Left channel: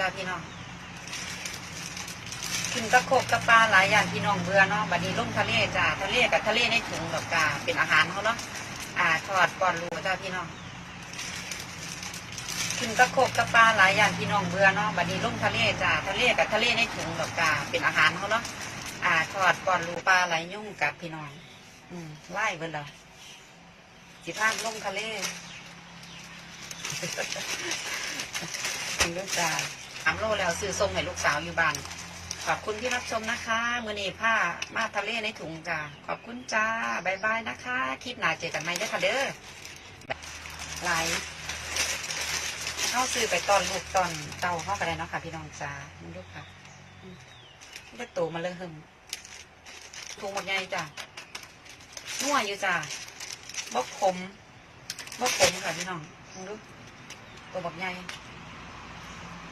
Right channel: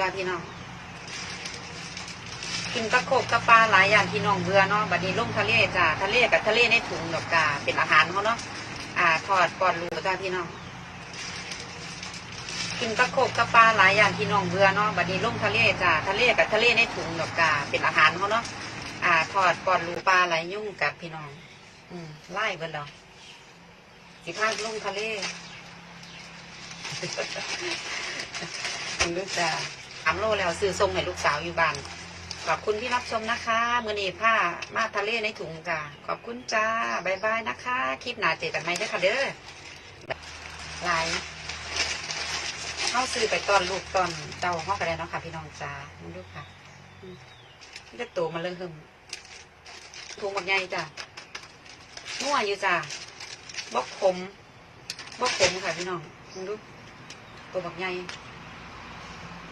จ้าพี่น้องกินตะโขบกับปลาหลายอย่างพี่น้องเบื่อเนาะบัดนี้ลงทะเลจ้าทะเลกับทะเลในถุงดอกจ้าเป็นอาหารเขาเนาะอ่าทอดปอนรูจ้าพี่น้องกินตะโขบกับปลาหลายอย่างพี่น้องเบื่อเนาะบัดนี้ลงทะเลจ้าทะเลกับทะเลในถุงดอกจ้าเป็นอาหารเขาเนาะอ่าทอดปอนรูปลาไหลยุ่งกับพี่น้อง อืมไล่เบิ่นดอกสิพาลงทะเลคุณลูกจะทำโลแล้วซื้อส่งให้ลูกสาวอยู่บ้านขอบคุณที่รับชมนะคะมือนีผ้ามาทะเลในถุงจ้าขอบคุณจ้าบายบายนะคะ คลิปหน้าเจอกันไหมเด้อค่ะเด้อไลน์เข้าซื้อไปตอนลูกตอนเต้าเข้ากันเลยเนาะค่ะ พี่น้องจ้ามึงดูค่ะอืมเด็กโตมาเลยหึมถุงหมดไงจ้านัวอยู่จ้าบกขมบกขมค่ะพี่น้องมึงดูตัวบักไง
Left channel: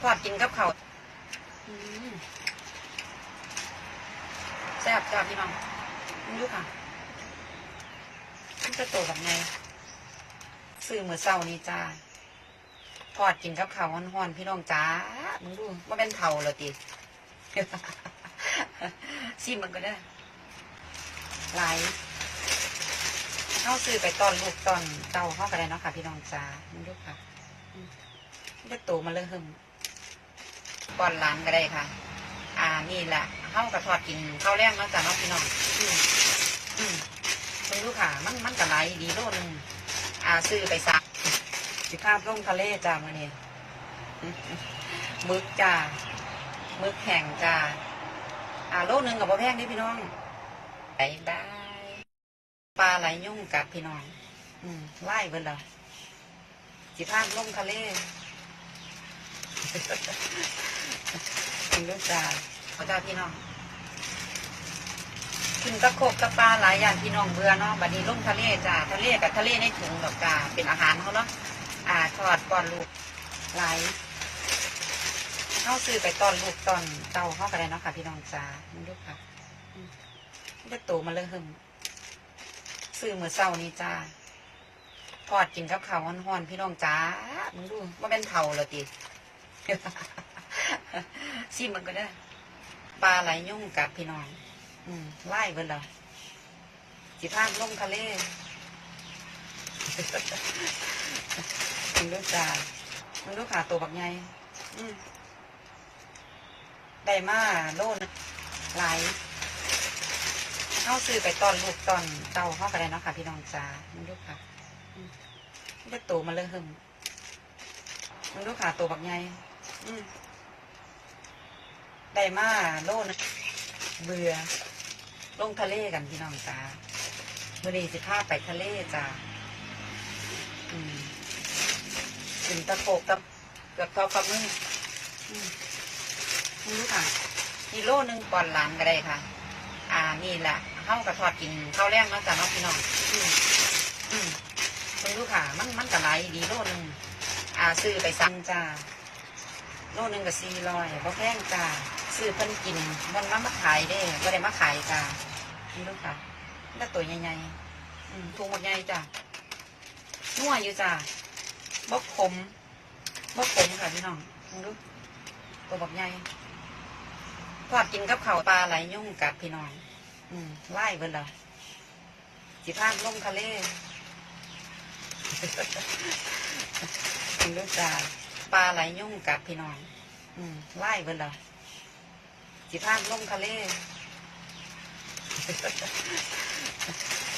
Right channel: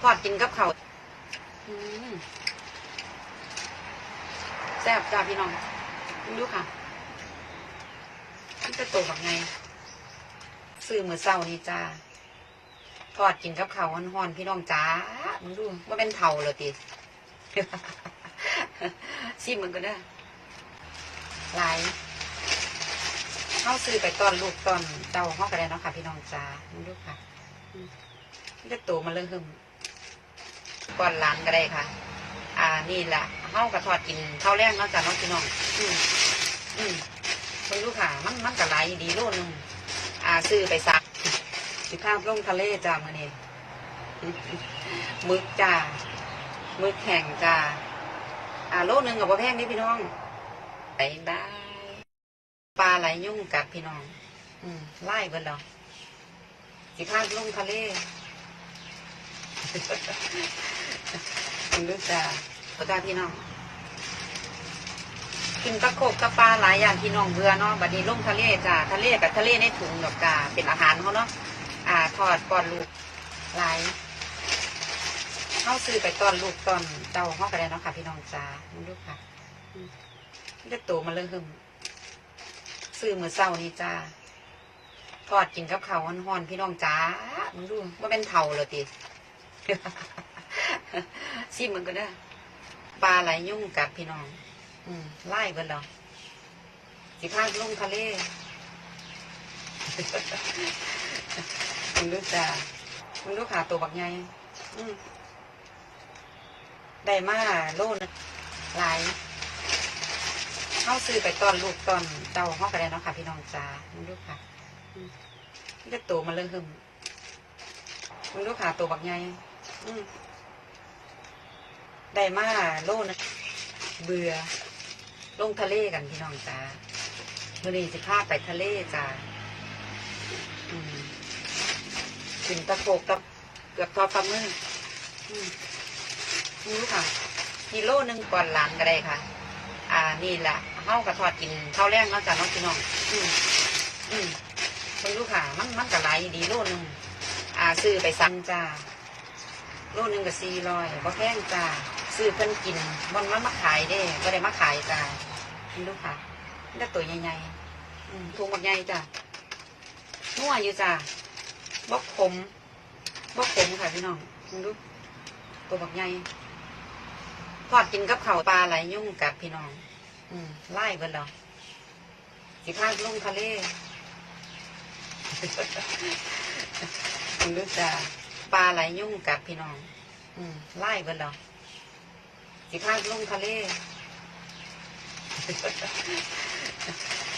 ทอดกินกับเขาวอืมแซ่บจ้าพี่น้องคุณดูค่ะนี่จะโตแบบไงซื้อมือเศร้านี่จ้าทอดกินกับข้าวฮ้อนๆพี่น้องจ้ามึงดูว่าเป็นเข่าเหรอติซิมมันก็ได้หลายเข้าซื้อไปตอนลูกตอนเต้าเข้ากันเลยเนาะค่ะ พี่น้องจ้ามึงดูค่ะอืมนี่จะโตมาเลยหึม ก่อนหล้านก็ได้ค่ะ อ่านี่แหละเฮากระทอดกินข้าวแรงเนาะจ้ะเนาะพี่น้อง อืมอืมเบิ่งดูค่ะ มันมันกระไหลดีโลนึงอ่าซื้อไปซักสิภาพลงทะเลจ้ามื่อนี้มึกจ้ามึกแข็งจ้าอ่าโลนึงกับพ่แพงนี่พี่น้องไปได้ปลาไหลยุ่งกับพี่น้อง อืมไล่เบิ่นดอกสิภาพลงทะเล คุณลูกจ้าขอจ้าพี่น้องกินตะโขบกับปลาหลายอย่างพี่น้องเบื่อเนาะบัดนี้ลงทะเลจ้าทะเลกับทะเลในถุงดอกจ้าเป็นอาหารเขาเนาะอ่าทอดปอนลูกหลายเข้าซื้อไปตอนลูกตอนเต้าเข้ากันเลยเนาะค่ะ พี่น้องจ้ามึงดูค่ะอืมเด็กโตมาเลยหึมซื้อมือเศร้านี่จ้าทอดกินกับเขาวฮ้อนๆพี่น้องจ้ามึงดูว่าเป็นเข่าเหรอติ ซิมันก็ได้ปลาไหลยุ่งกับพี่น้องไล่เบิ่นดอกสิพาลงทะเลมึงดูจ้ามึงดูขาตัวบักไงได้มาโลนะหลายเข้าซื้อไปตอนลูกตอนเต้าเข้ากันเลยเนาะค่ะ พี่น้องจ้ามึงดูค่ะอืมนี่จะโตมาเลยหึมมึงดูขาตัวบักไง ได้มาโลนะเบื่อ ลงทะเลกันพี่น้องจ้ามื่อนี้สิพาไปทะเลจ้าถึงตะโกกกับเกือบทอฝ่ามืออมนี่ค่ะมีโลหนึ่งก่อนหลานก็ได้ค่ะ อ่า นี่แหละเฮากระทอดกินข้าวแรงเนาะจ้าน้องพี่น้อง อืมอืมมึงดูค่ะ มันมันกระไรดีโลหนึ่งอ่าซื้อไปสั่งจ้า โลนึงกับสี่ร้อยบ่แพงจ้าซื้อเพิ่นกินมันมันมาขายเด้ก็ได้มาขายจ้าเห็นดูค่ะแล้วตัวใหญ่ๆอืมถุงบักใหญ่จ้านัวอยู่จ้าบกขมบกขมค่ะพี่น้องเห็นดูตัวบักใหญ่ทอดกินกับข้าวปลาไหลยุ่งกับพี่น้องอืมไล่เบิ่นดอกสิพาลงทะเลเห็นดูจ้า ปลาไหลยุ่งกับพี่น้องไล่เบิ่นดอกสิพาลงทะเล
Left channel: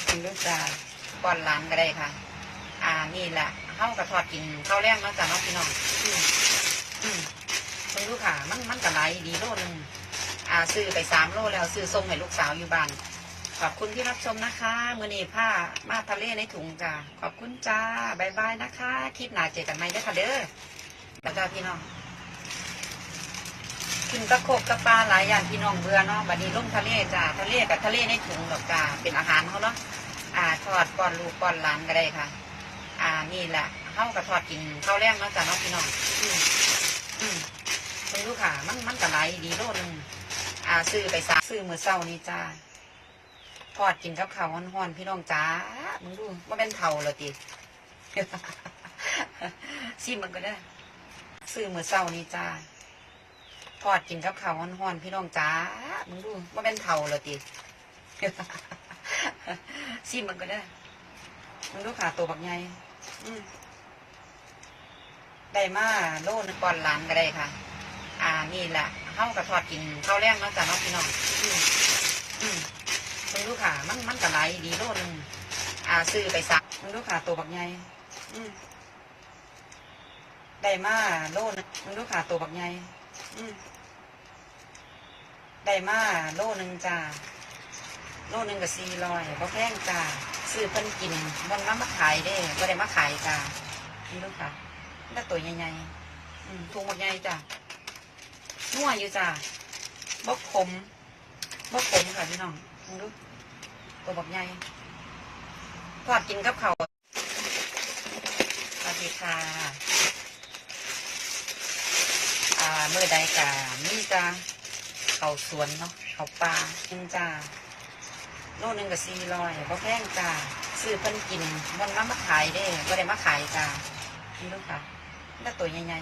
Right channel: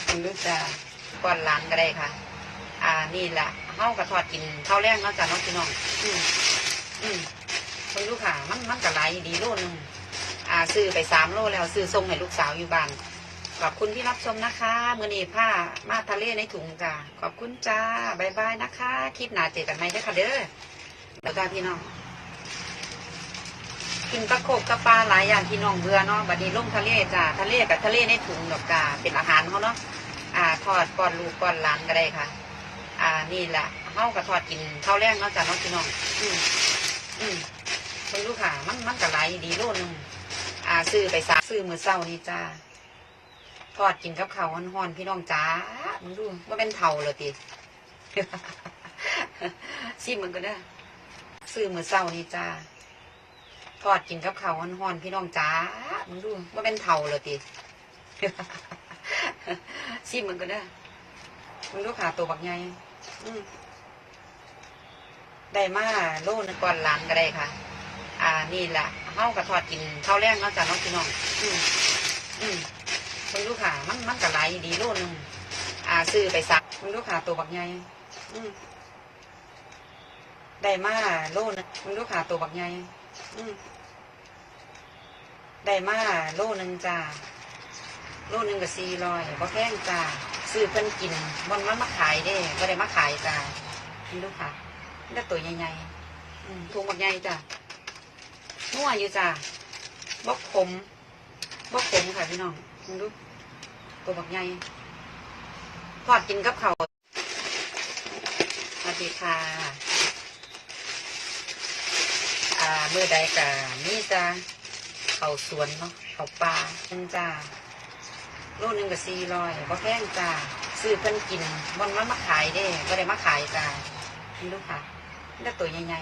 คุณลูกจ้าก่อนหลานก็ได้ค่ะ อ่านี่แหละเฮากระทอดกินข้าวแรงเนาจ้ะน้องพี่น้องอืมอืมมึงดูค่ะ มันมันกระไรดีโลนึงอ่าซื้อไปสามโลแล้วซื้อส่งให้ลูกสาวอยู่บ้านขอบคุณที่รับชมนะคะมือนีผ้ามาทะเลในถุงจ้าขอบคุณจ้าบายบายนะคะ คลิปหน้าเจอกันไหมเด้อค่ะเด้อ แล้วก็พี่น้องกินตะโขบกับปลาหลายอย่างพี่น้องเบื่อเนาะบัดนี้ลงทะเลจ้าทะเลกับทะเลในถุงดอกจ้าเป็นอาหารเขาเนาะอ่าทอดป้อนลูกป้อนหลานก็ได้ค่ะ อ่านี่แหละเฮากระทอดกินข้าวแรงเนาะจ้าเนาะพี่น้อง อืมอืมมึงดูค่ะ มันมันกระไรดีโลนึงอ่าซื้อไปซักซื้อมือเศร้านี่จ้าทอดกินกับข้าวฮ้อนๆพี่น้องจ้ามึงดูว่าเป็นเข่าเหรอติซิมมันก็ได้ ซื้อมือเศร้านี่จ้าทอดกินกับข้าวฮ้อนๆพี่น้องจ้ามึงดูว่าเป็นเผาเหรอติซิมมันก็ได้มึงดูขาตัวบักไงได้มาโลนก่อนหลานก็ได้ค่ะ อ่านี่แหละเฮากระทอดกินข้าวแรงเนาะจ้ะเน้องพี่น้องอืมอืมมึงดูค่ะมันมันกระไรดีโลนึงอ่าซื้อไปสักมึงดูค่ะตัวบักไงอืม ได้มาโลนึงมึงดูค่ะตัวบักไงอืมได้มาโลนึงจ้าโลหนึ่งกับสี่ร้อยบ่แพงจ้าซื้อเพิ่นกินมันมามาขายเด้ก็ได้มาขายจ้านี่ลูกค่ะนี่ตัวใหญ่ๆถุงบักใหญ่จ้านัวอยู่จ้าบกขมบกขมค่ะพี่น้องมึงดูตัวบักใหญ่ทอดกินกับเขาสวัสดีค่ะ อ่าเมื่อใดกะนี่จ้าเขาสวนเนาะเขาปลาจังจ้าโลนึงกับสี่ร้อยบ่แพงจ้าซื้อเพิ่นกินมันมามาขายเด้ก็ได้มาขายจ้านี่ลูกค่ะนี่ตัวใหญ่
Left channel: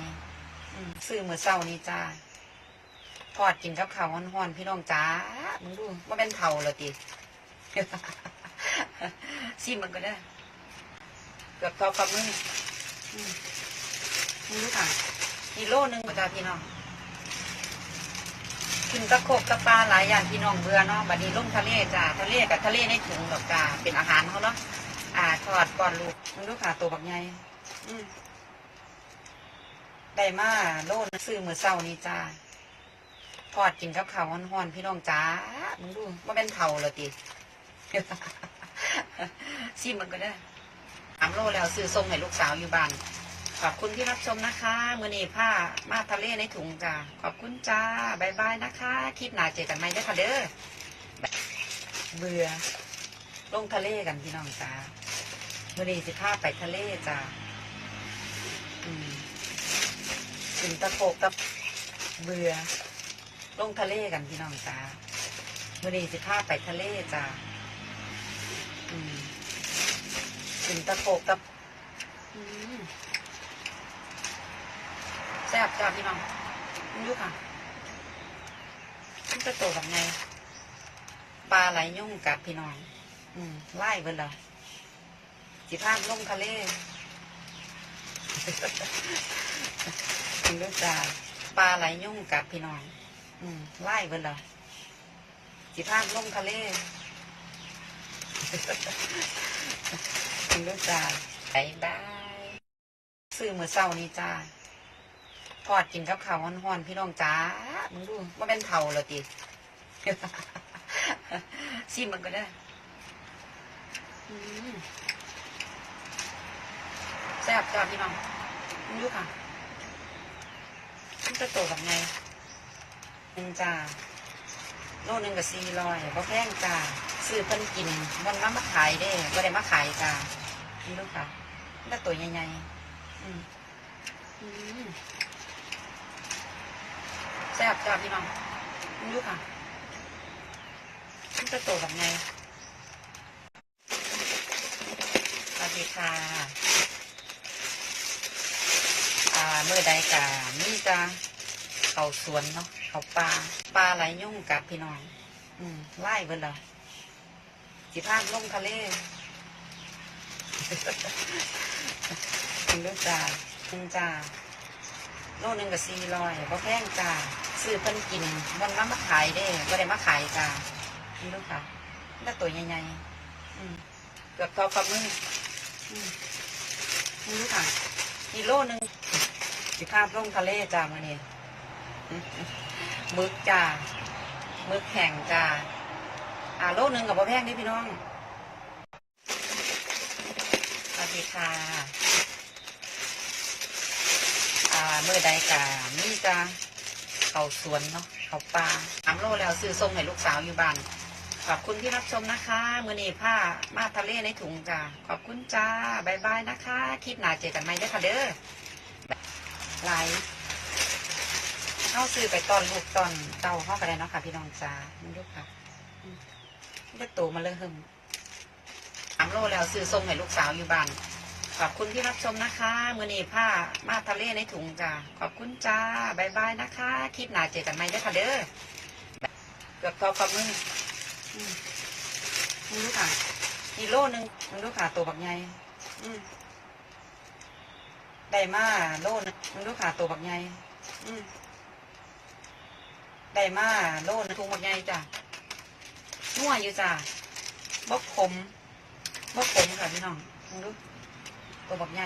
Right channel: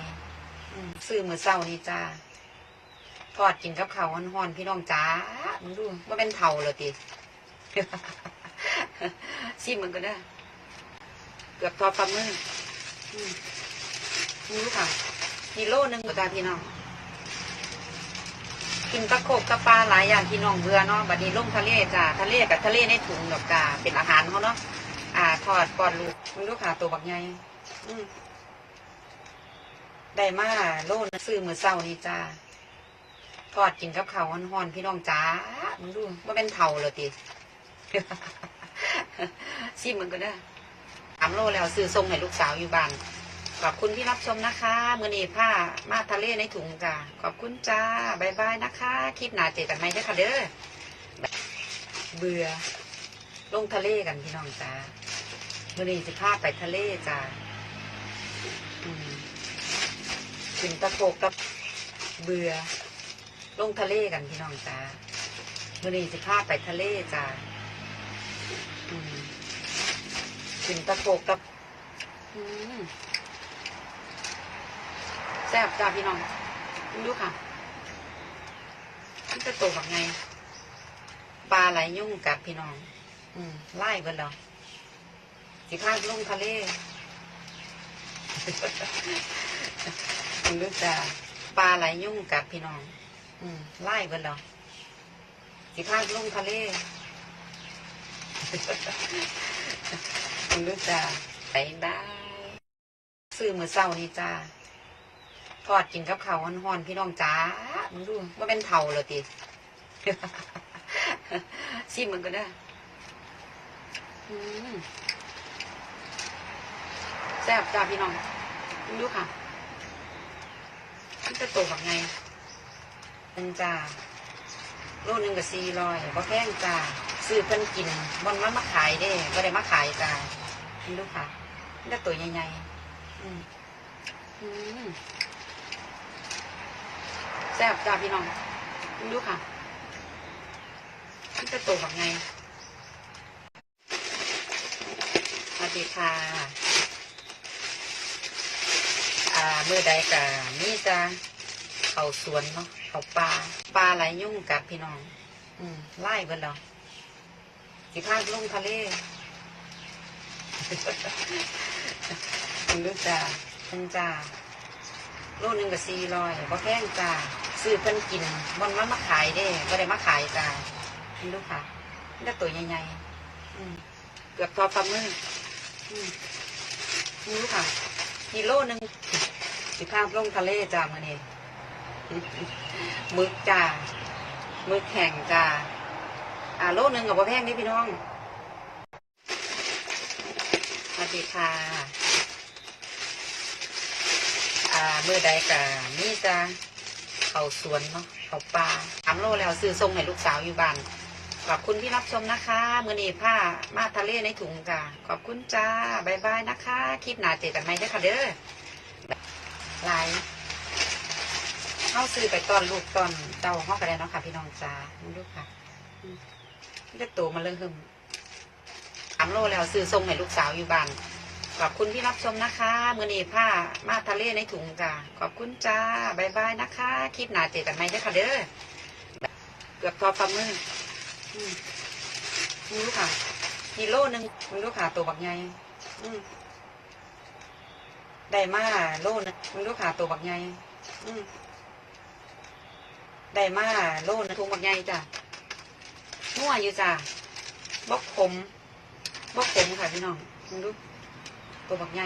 ๆซื้อมือเศร้านี่จ้าทอดกินกับข้าวฮ้อนๆพี่น้องจ้ามึงดูว่าเป็นเผาเหรอติซิมมันก็ได้ เกือบทอดฝ่ามืออืมนี่ค่ะ มีโลหนึ่งกับจ้าพี่น้องกินตะโขบกับปลาหลายอย่างพี่น้องเบื่อเนาะบัดนี้ลงทะเลจ้าทะเลกับทะเลในถุงดอกจ้าเป็นอาหารเขาเนาะอ่าทอดปอนลูกมันลูกขาตัวบักไงอืมได้มาโลนซื้อมือเศร้านี่จ้าทอดกินกับข้าวฮ้อนๆพี่น้องจ้ามึงดูว่าเป็นเผาเหรอติซิมมันก็ได้อสามโลแล้วซื้อส่งให้ลูกสาวอยู่บ้าน ขอบคุณที่รับชมนะคะมือนีผ้ามาทะเลในถุงจ้าขอบคุณจ้าบายบายนะคะ คลิปหนาเจอกันไหมเด้อค่ะเด้อเบื่อลงทะเลกันพี่น้องจ้ามือนีสิพาไปทะเลจ้าถึงตะโกกตะเบื่อลงทะเลกันพี่น้องจ้ามือนีสิพาไปทะเลจ้าถึงตะโกกตะอืม แซ่บจ้าพี่น้องดูค่ะมันจะโตแบบไงปลาไหลยุ่งกับพี่น้องอืมไล่เบิดดอกสิพาลงทะเลคุณดูจ้าปลาไหลยุ่งกับพี่น้องอืมไล่เบิดดอกสิพาลงทะเลคุณดูจ้าไปได้ซื้อมือเศร้านี่จ้า ทอดกินกับข้าวฮ้อนๆพี่น้องจ้ามึงดูว่าเป็นเผาเหรอติซิมมันก็ได้แซ่บจ้าพี่น้องมึงดูค่ะมันจะโตแบบไงหนึ่งจ้าโลหนึ่งกับสี่ร้อยบ่แพงจ้าซื้อเพิ่นกินมันมามาขายเด้ก็ได้มาขายจ้ามึงดูค่ะนี่ตัวใหญ่ๆอืมอืม ซ่บจ้าพี่น้องดูค่ะมันจะโตแบบไงสวัสดีค่ะ อ่าเมื่อใดกะนี่จะเขาสวนเนาะเขาปลาปลาไหลยุ่งกับพี่น้อง อืมไล่เบิดดอกสิพาลงทะเลคุณดูจ้าคุณจ้าโลหนึ่งกับสี่ร้อยบ่แพงจ้า ซื้อเพิ่นกินมันมามาขายเด้ก็ได้มาขายจ้านี่ลูกค่ะนี่ตัวใหญ่ๆอืมเกือบทอฝ่ามืออืมนี่ค่ะนี่โลหนึ่งสิภาพลงทะเลจ้ามื่อนี้มึกจ้ามึกแข็งจ้าอ่าโลหนึ่งกับบ่แพงเด้อพี่น้องสวัสดีค่ะอ่าเมื่อใดกะนี่จะ เขาสวนเนาะเขาปลาสามโลแล้วซื้อส่งให้ลูกสาวอยู่บ้านขอบคุณที่รับชมนะคะมือนีผ้ามาทะเลในถุงจ้าขอบคุณจ้าบายบายนะคะ คลิปหน้าเจอกันไหมเด้อค่ะเด้อไลน์เอาซื้อไปตอนลูกตอนเต้าเขาก็ได้เนาะค่ะ พี่น้องจ้าลูกค่ะนี่ก็โตมาเลยหึมสามโลแล้วซื้อส่งให้ลูกสาวอยู่บ้าน ขอบคุณที่รับชมนะคะมือนีผ้ามาทะเลในถุงจ้าขอบคุณจ้าบายบายนะคะ คลิปหน้าเจอกันไหมเด้อค่ะเด้อเกือบทอฝ่ามืออืมนี่ค่ะมีโลนึงมันดูค่ะตัวบักไงอืมได้มาโลนึงมันดูค่ะตัวบักไงอืมได้มาโลนึงถุงบักไงจ้ะนัวอยู่จ้ะบกขมบกขมค่ะพี่น้องมึงดู ตัวบักไง